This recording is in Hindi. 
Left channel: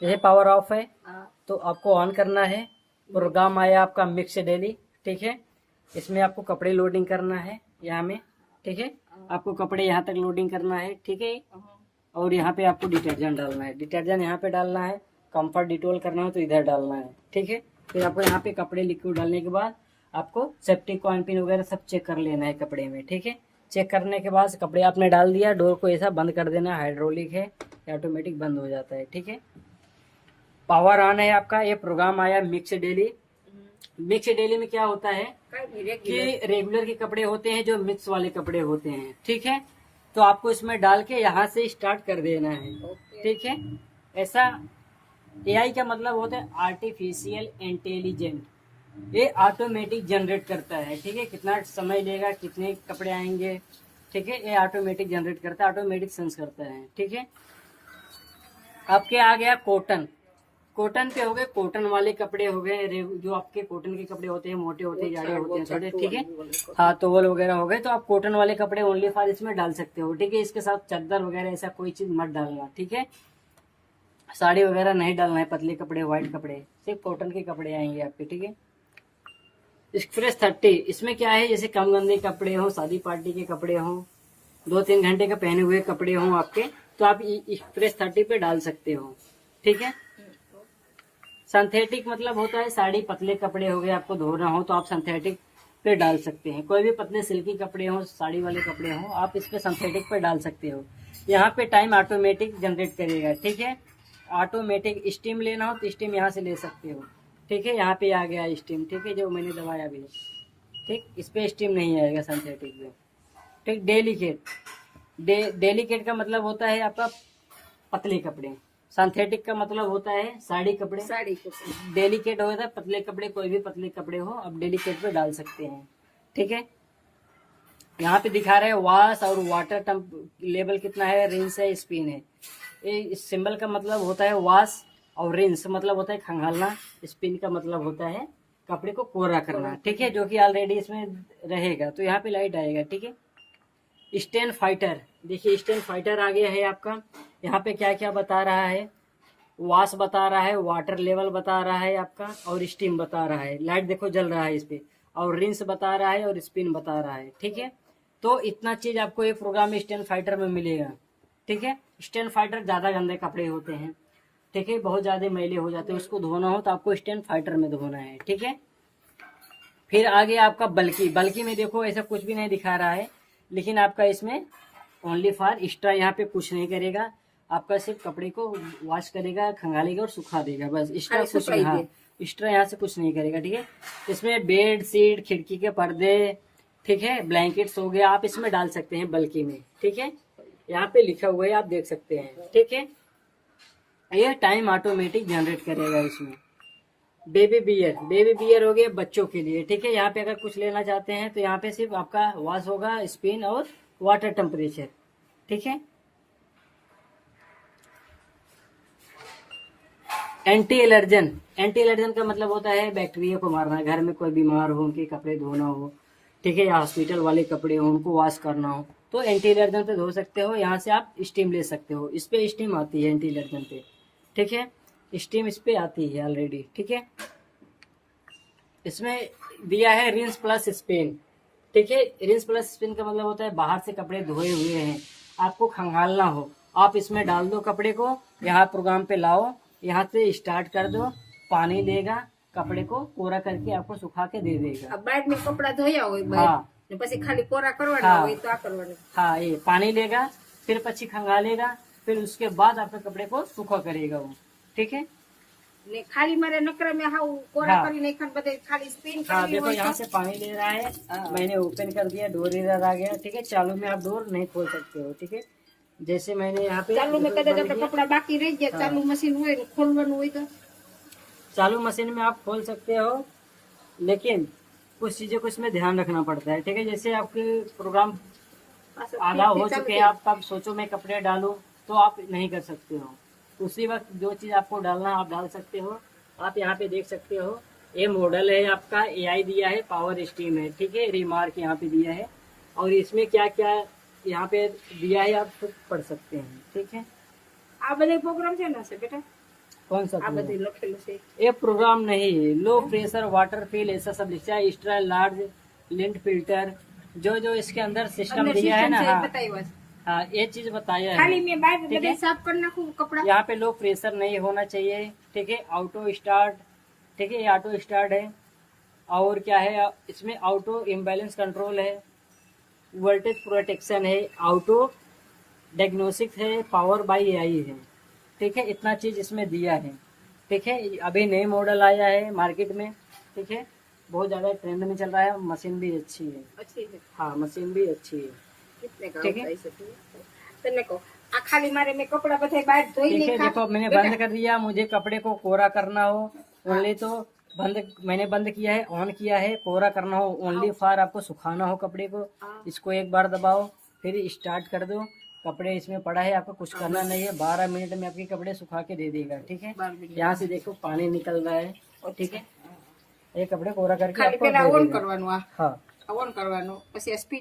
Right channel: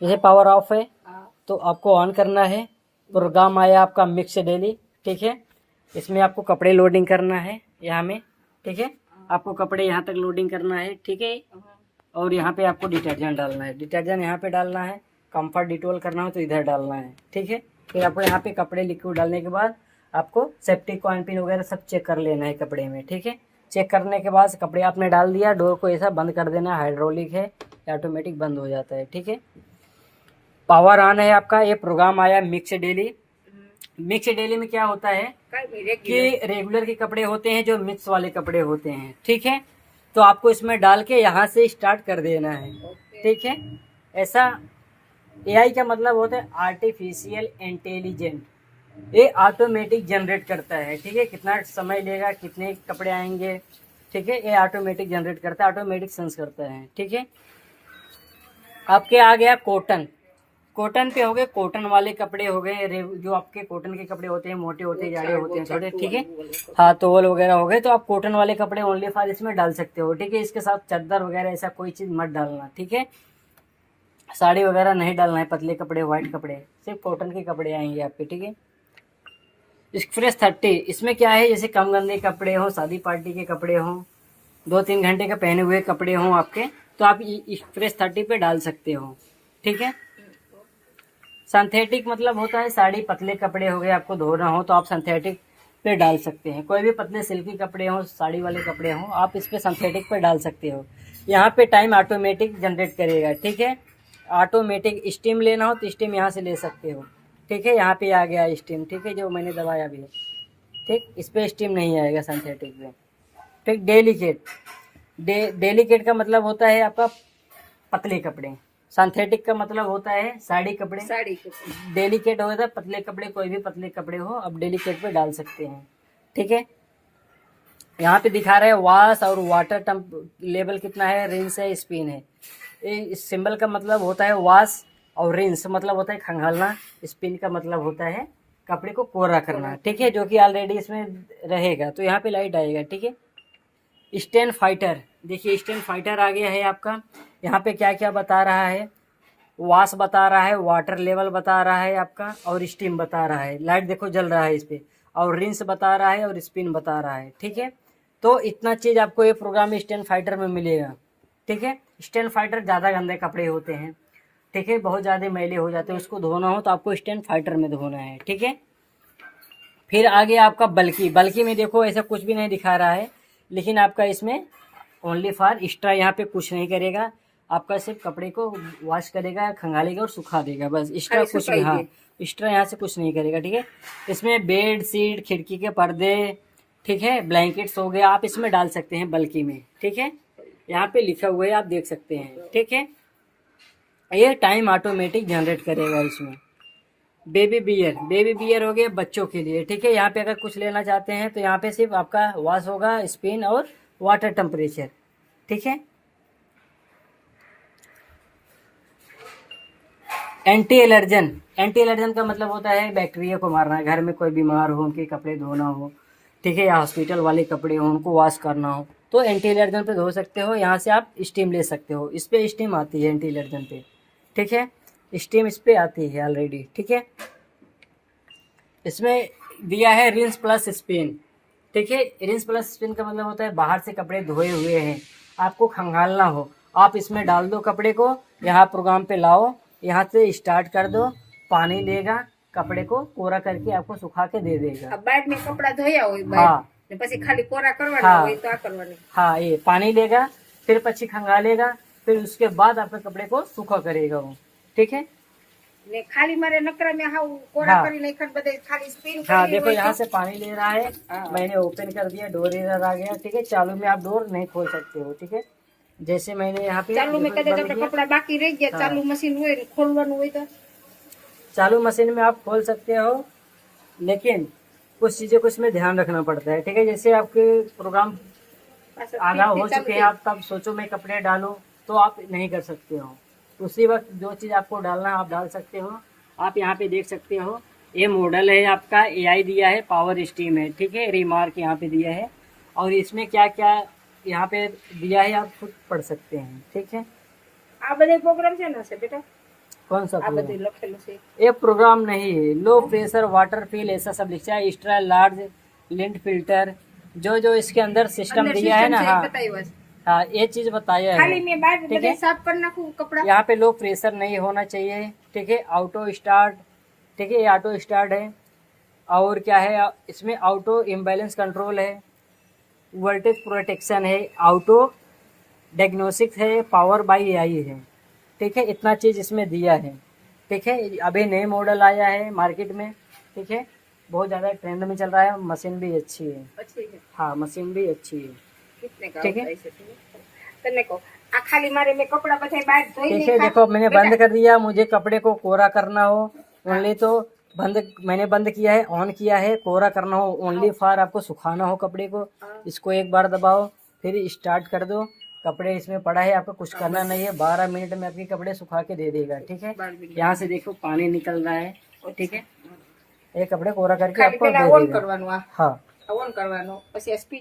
जैसे पावर ऑफ है तो आपको ऑन करना है। प्रोग्राम आया आपका मिक्स डेली, ठीक है। इसमें आपको कपड़े लोडिंग करना है यहाँ में, ठीक है। आपको कपड़े यहाँ तक लोडिंग करना है, ठीक है। और यहाँ पे आपको डिटर्जेंट डालना है, डिटर्जेंट यहाँ पे डालना है। कंफर्ट डिटोल करना हो तो इधर डालना है, ठीक है। फिर आपको यहाँ पे कपड़े लिक्विड डालने के बाद आपको सेफ्टी कॉइन पिन वगैरह सब चेक कर लेना है कपड़े में, ठीक है। चेक करने के बाद कपड़े आपने डाल दिया, डोर को ऐसा बंद कर देना है। हाइड्रोलिक है, ऑटोमेटिक बंद हो जाता है, ठीक है। पावर ऑन है आपका। ये प्रोग्राम आया मिक्स डेली। मिक्स डेली में क्या होता है कि रेगुलर के कपड़े होते हैं जो मिक्स वाले कपड़े होते हैं, ठीक है। तो आपको इसमें डाल के यहाँ से स्टार्ट कर देना है, ठीक है। ऐसा एआई का मतलब होता है आर्टिफिशियल इंटेलिजेंट। ये ऑटोमेटिक जनरेट करता है, ठीक है। कितना समय लेगा, कितने कपड़े आएंगे, ठीक है। ये ऑटोमेटिक जनरेट करता है, ऑटोमेटिक सेंस करता है, ठीक है। आपके आ गया कॉटन। कॉटन पे हो गए, कॉटन वाले कपड़े हो गए, जो आपके कॉटन के कपड़े होते हैं, मोटे होते हैं, जाड़े होते हैं थोड़े, ठीक है। हाँ, तोवल वगैरह हो गए। तो आप कॉटन वाले कपड़े ओनली फॉर इसमें डाल सकते हो, ठीक है। इसके साथ चादर वगैरह ऐसा कोई चीज मत डालना, ठीक है। साड़ी वगैरह नहीं डालना है, पतले कपड़े, व्हाइट कपड़े, सिर्फ कॉटन के कपड़े आएंगे आपके, ठीक है। एक्सप्रेस 30, इसमें क्या है, जैसे कम गंदे कपड़े हों, शादी पार्टी के कपड़े हों, 2-3 घंटे का पहने हुए कपड़े हों आपके, तो आप एक्सप्रेस 30 पे डाल सकते हो, ठीक है। सिंथेटिक मतलब होता है साड़ी, पतले कपड़े हो गए, आपको धोना हो तो आप सिंथेटिक पे डाल सकते हैं। कोई भी पतले सिल्की कपड़े हो, साड़ी वाले कपड़े हो, आप इस पे सिंथेटिक पे डाल सकते हो। यहाँ पे टाइम ऑटोमेटिक जनरेट करेगा, ठीक है। ऑटोमेटिक स्टीम लेना हो तो स्टीम यहाँ से ले सकते हो, ठीक है। यहाँ पे आ गया स्टीम, ठीक है, जो मैंने दबाया भी है, ठीक। इस पे स्टीम नहीं आएगा सिंथेटिक पे, ठीक। डेलिकेट, डेलिकेट का मतलब होता है आपका पतले कपड़े। सिंथेटिक का मतलब होता है साड़ी कपड़े। डेलिकेट होता है पतले कपड़े, कोई भी पतले कपड़े हो आप डेलिकेट पे डाल सकते हैं, ठीक है। यहाँ पे दिखा रहे हैं वॉश और वाटर टेम्प लेवल कितना है, रिंस है, स्पिन है। इस सिंबल का मतलब होता है वॉश, और रिंस मतलब होता है खंगालना, स्पिन का मतलब होता है कपड़े को कोरा करना, ठीक है। जो कि ऑलरेडी इसमें रहेगा, तो यहाँ पे लाइट आएगा, ठीक है। स्टेन फाइटर, देखिए स्टेन फाइटर आ गया है आपका। यहाँ पे क्या क्या बता रहा है, वॉश बता रहा है, वाटर लेवल बता रहा है आपका, और स्टीम बता रहा है। लाइट देखो जल रहा है इस पे, और रिंस बता रहा है, और स्पिन बता रहा है, ठीक है। तो इतना चीज आपको ये प्रोग्राम स्टेन फाइटर में मिलेगा, ठीक है। स्टेन फाइटर ज्यादा गंदे कपड़े होते हैं, ठीक है, बहुत ज्यादा मैले हो जाते हैं, उसको धोना हो तो आपको स्टेन फाइटर में धोना है, ठीक है। फिर आगे आपका बल्कि, बल्कि में देखो ऐसा कुछ भी नहीं दिखा रहा है, लेकिन आपका इसमें ओनली फॉर एक्स्ट्रा, यहाँ पे कुछ नहीं करेगा आपका, सिर्फ कपड़े को वॉश करेगा, खंगालेगा और सुखा देगा, बस। एक्स्ट्रा कुछ नहीं, हाँ, एक्स्ट्रा यहाँ से कुछ नहीं करेगा, ठीक है। इसमें बेड शीट, खिड़की के पर्दे, ठीक है, ब्लैंकेट्स हो गए, आप इसमें डाल सकते हैं बल्कि में, ठीक है। यहाँ पे लिखा हुआ है, आप देख सकते हैं, ठीक है। ये टाइम ऑटोमेटिक जनरेट करेगा इसमें। बेबी बियर, बेबी बियर हो गया बच्चों के लिए, ठीक है। यहाँ पे अगर कुछ लेना चाहते हैं तो यहाँ पे सिर्फ आपका वॉश होगा, स्पिन और वाटर टेम्परेचर, ठीक है। एंटी एलर्जन, एंटी एलर्जन का मतलब होता है बैक्टीरिया को मारना है। घर में कोई बीमार हो, उनके कपड़े धोना हो, ठीक है, या हॉस्पिटल वाले कपड़े हो, उनको वॉश करना हो, तो एंटी एलर्जन पे धो सकते हो। यहाँ से आप स्टीम ले सकते हो, इस पे स्टीम आती है एंटी एलर्जन पे, ठीक है। स्टीम इस पे आती है ऑलरेडी, ठीक है। इसमें दिया है रिंस प्लस स्पिन, ठीक है। रिंस प्लस स्पिन का मतलब होता है बाहर से कपड़े धोए हुए हैं, आपको खंगालना हो, आप इसमें डाल दो कपड़े को, यहाँ प्रोग्राम पे लाओ, यहाँ से स्टार्ट कर दो, पानी लेगा, कपड़े को कोरा करके आपको सुखा के दे देगा। बाद में कपड़ा धोया हो, हाँ, પછી ખાલી કોરા કરવાના હોય તો આ કરવાની। हाँ, ये पानी लेगा, फिर पक्षी खंगालेगा, फिर उसके बाद आपके कपड़े को सूखा करेगा वो, ठीक है। ને ખાલી મારે નકરા में हाउ कोरा हाँ। કરી નાખન બધે ખાली स्पिन हाँ, करनी देखो હોય यहाँ से पानी ले रहा है, मैंने ओपन कर दिया, डोर इधर आ गया, ठीक है। चालू में आप डोर नहीं खोल सकते हो, ठीक है। जैसे मैंने यहाँ पे ચાલુ में कदाच આપણે कपड़ा बाकी રહી ગયા, ચાलू मशीन હોય ને ખોલવાનું હોય तो चालू मशीन में आप खोल सकते हो, लेकिन कुछ चीजों को इसमें ध्यान रखना पड़ता है, ठीक है। जैसे आपके प्रोग्राम आधा हो चुके हैं, आप तब सोचो मैं कपड़े डालूं, तो आप नहीं कर सकते हो। उसी वक्त जो चीज आपको डालना है आप डाल सकते हो। आप यहाँ पे देख सकते हो, ये मॉडल है आपका, एआई दिया है, पावर स्टीम है, ठीक है, रिमार्क यहाँ पे दिया है, और इसमें क्या क्या यहाँ पे दिया है आप खुद पढ़ सकते हैं, ठीक है। આ બધા પ્રોગ્રામ છે ને બેટા, कौन सा આ प्रोग्राम? બધું લખેલું છે ये प्रोग्राम नहीं है, लो प्रेशर वाटर फिल ऐसा सब लिखा है, एक्स्ट्रा लार्ज लिंट फिल्टर, जो जो इसके अंदर सिस्टम અંદર दिया है સિસ્ટમ ना, છે એ हाँ बताવ્યો છે हाँ ये चीज बताया ખાલી है। મેં બહાર ठीक બધે है, સાફ કરી નાખું કપડા यहाँ पे लो प्रेशर नहीं होना चाहिए। ठीक है, ऑटो स्टार्ट, ठीक है ये ऑटो स्टार्ट है। और क्या है इसमें, ऑटो इम्बैलेंस कंट्रोल है, वोल्टेज प्रोटेक्शन है, ऑटो डायग्नोस्टिक्स है, पावर बाई एआई है। ठीक है, इतना चीज इसमें दिया है। ठीक है, अभी नए मॉडल आया है मार्केट में। ठीक है, बहुत ज्यादा ट्रेंड में चल रहा है, मशीन भी अच्छी है। પછી છે हाँ मशीन भी अच्छी है। કેટલે ठीक કામ है। થાય છે તને કહું આ ખાલી મારે મેં કપડા બધા બહાર ધોઈને ठीक है, देखो मैंने बंद कर दिया, मुझे कपड़े को कोरा करना हो ओनली तो बंद, मैंने बंद किया है, ऑन किया है। कोरा करना हो ओनली फॉर आपको सुखाना हो कपड़े को, इसको एक बार दबाओ, फिर स्टार्ट कर दो। कपड़े इसमें पड़ा है, आपको कुछ करना नहीं है, 12 मिनट में आपके कपड़े सुखा के दे देगा। ठीक है, 12 मिनट। यहाँ से देखो पानी निकल रहा है। ठीक है, ये कपड़े कोरा करके ખાલી आपको પેલા दे ઓન देगा। કરવાનું हाँ આ ઓન કરવાનું પછી આ સ્પીડ